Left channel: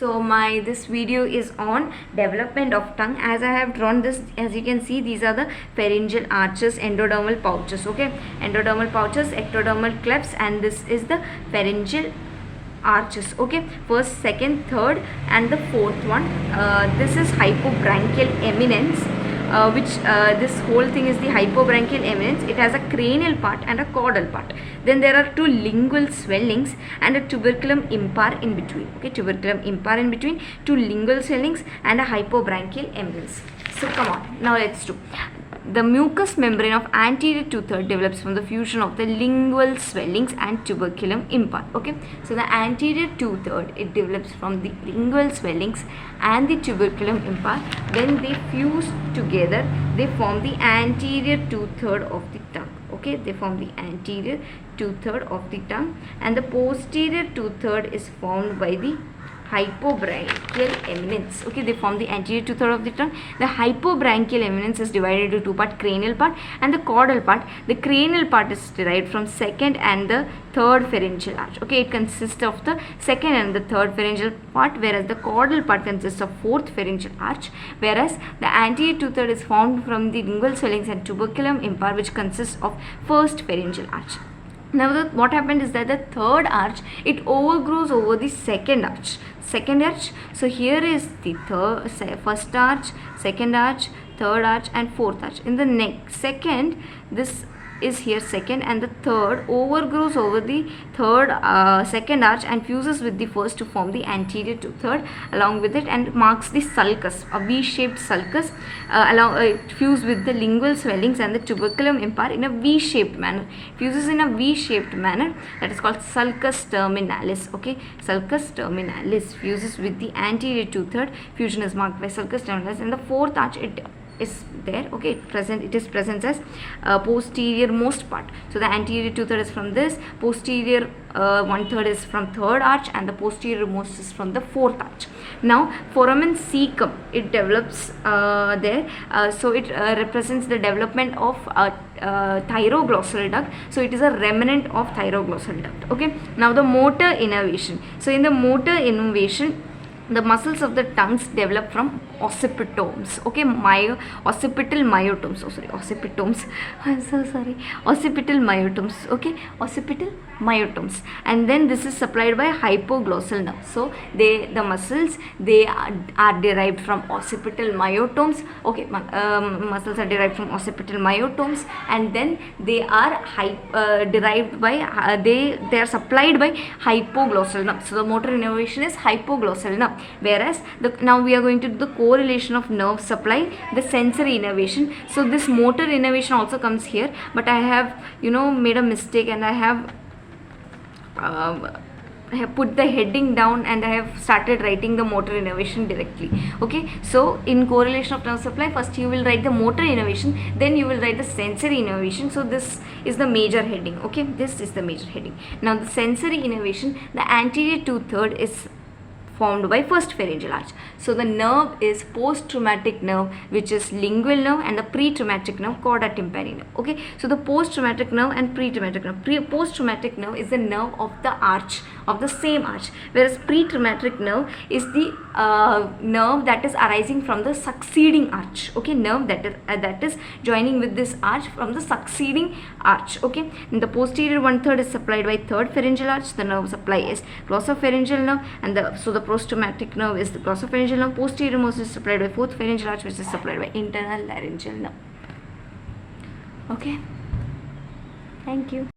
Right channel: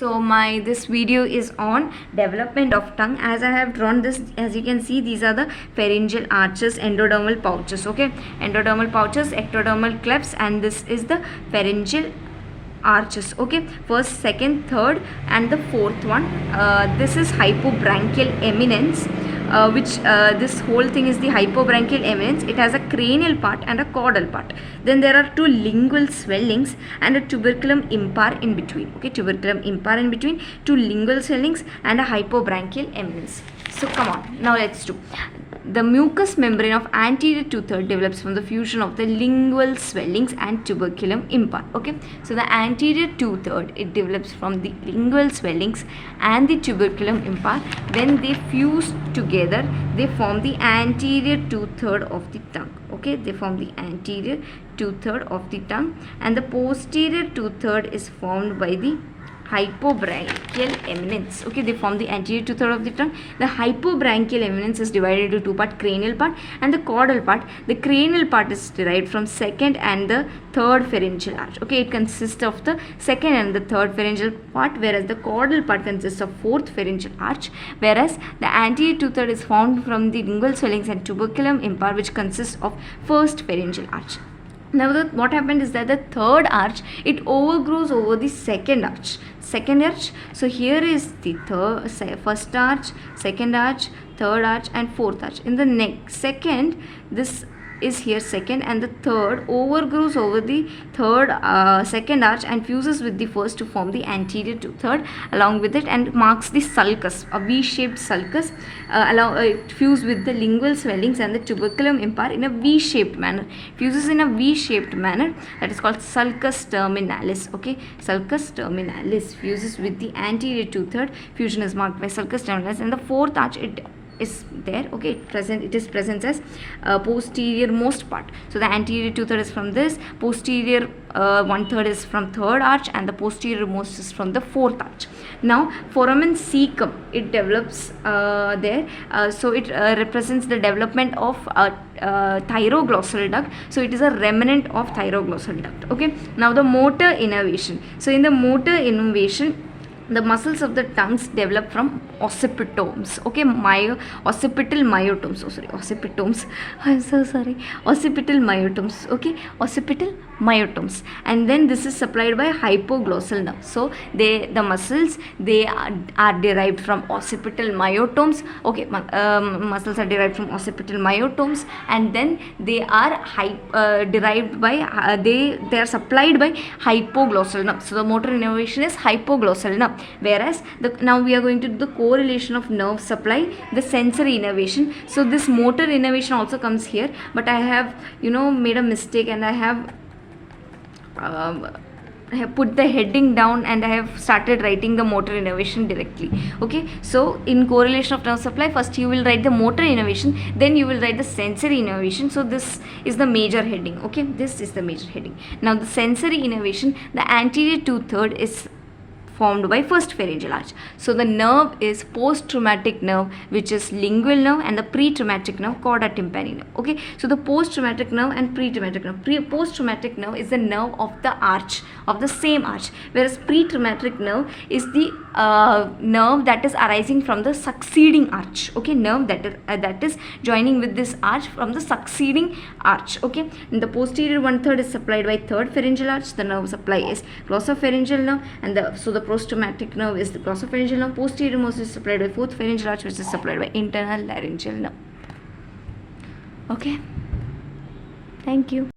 So this video is on development of tongue. As I have drawn this, as you can see, these are the pharyngeal arches, endodermal pouches. Okay, endodermal pouches, ectodermal clefts, and this is the pharyngeal arches. Okay, first, second, third, and the fourth one. This is hypobranchial eminence. This whole thing is the hypobranchial eminence. It has a cranial part and a caudal part. Then there are two lingual swellings and a tuberculum impar in between. Okay, tuberculum impar in between, two lingual swellings and a hypobranchial eminence. So come on, now let's do. The mucous membrane of anterior two-thirds develops from the fusion of the lingual swellings and tuberculum impar. Okay, so the anterior two-thirds, it develops from the lingual swellings and the tuberculum impar. When they fuse together, they form the anterior two-thirds of the tongue. Okay, they form the anterior two-thirds of the tongue, and the posterior two-thirds is formed by the hypobranchial eminence. Okay, they form the anterior two-thirds of the tongue. The hypobranchial eminence is divided into two parts, cranial part and the caudal part. The cranial part is derived from second and the third pharyngeal arch. Okay, it consists of the second and the third pharyngeal part, whereas the caudal part consists of fourth pharyngeal arch, whereas the anterior two-thirds is formed from the lingual swellings and tuberculum impar, which consists of first pharyngeal arch. Now what happened is that the third arch, it overgrows over the second arch. So here is the first arch, second arch, third arch, and fourth arch. In the next second, this is here second, and the third overgrows over the second arch and fuses with the first to form the anterior two-third along with it, and marks the sulcus, a V-shaped sulcus. It fuses with the lingual swellings and the tuberculum impar in a V-shaped manner. Fuses in a V-shaped manner, that is called sulcus terminalis. Okay, sulcus terminalis fuses with the anterior two-third. Fusion is marked by sulcus terminalis. In the fourth arch, it is there. Okay, it is present as posterior most part. So the anterior two-third is from this, posterior one-third is from third arch, and the posterior most is from the fourth arch. Now foramen cecum, it develops there. So it represents the development of thyroglossal duct. So it is a remnant of thyroglossal duct. Okay, now the motor innervation. So in the motor innervation, the muscles of the tongues develop from occipitomes. Okay, occipital myotomes. Occipitomes. I'm so sorry. Occipital myotomes. Okay, occipital myotomes. And then this is supplied by hypoglossal nerve. So the muscles, they are derived from occipital myotomes. Okay, muscles are derived from occipital myotomes, and then they are derived by they are supplied by hypoglossal nerve. So the motor innervation is hypoglossal nerve. Whereas now we are going to do the correlation of nerve supply, the sensory innervation. So this motor innervation also comes here, but I have made a mistake, and I have put the heading down, and I have started writing the motor innervation directly. Okay, so in correlation of nerve supply, first you will write the motor innervation, then you will write the sensory innervation. So this is the major heading. Okay, this is the major heading. Now the sensory innervation, the anterior two-thirds is formed by first pharyngeal arch. So the nerve is post-traumatic nerve, which is lingual nerve, and the pre-traumatic nerve, chorda tympani nerve. Okay, so the post-traumatic nerve and pre-traumatic nerve. Post-traumatic nerve is the nerve of the arch, of the same arch, whereas pre-traumatic nerve is the nerve that is arising from the succeeding arch. Okay, nerve that is joining with this arch from the succeeding arch. Okay, and the posterior one-third is supplied by third pharyngeal arch. The nerve supply is glossopharyngeal nerve, and the post-traumatic nerve is the glossopharyngeal nerve. Posterior most is supplied by fourth pharyngeal arch, which is supplied by internal laryngeal nerve. Okay, thank you.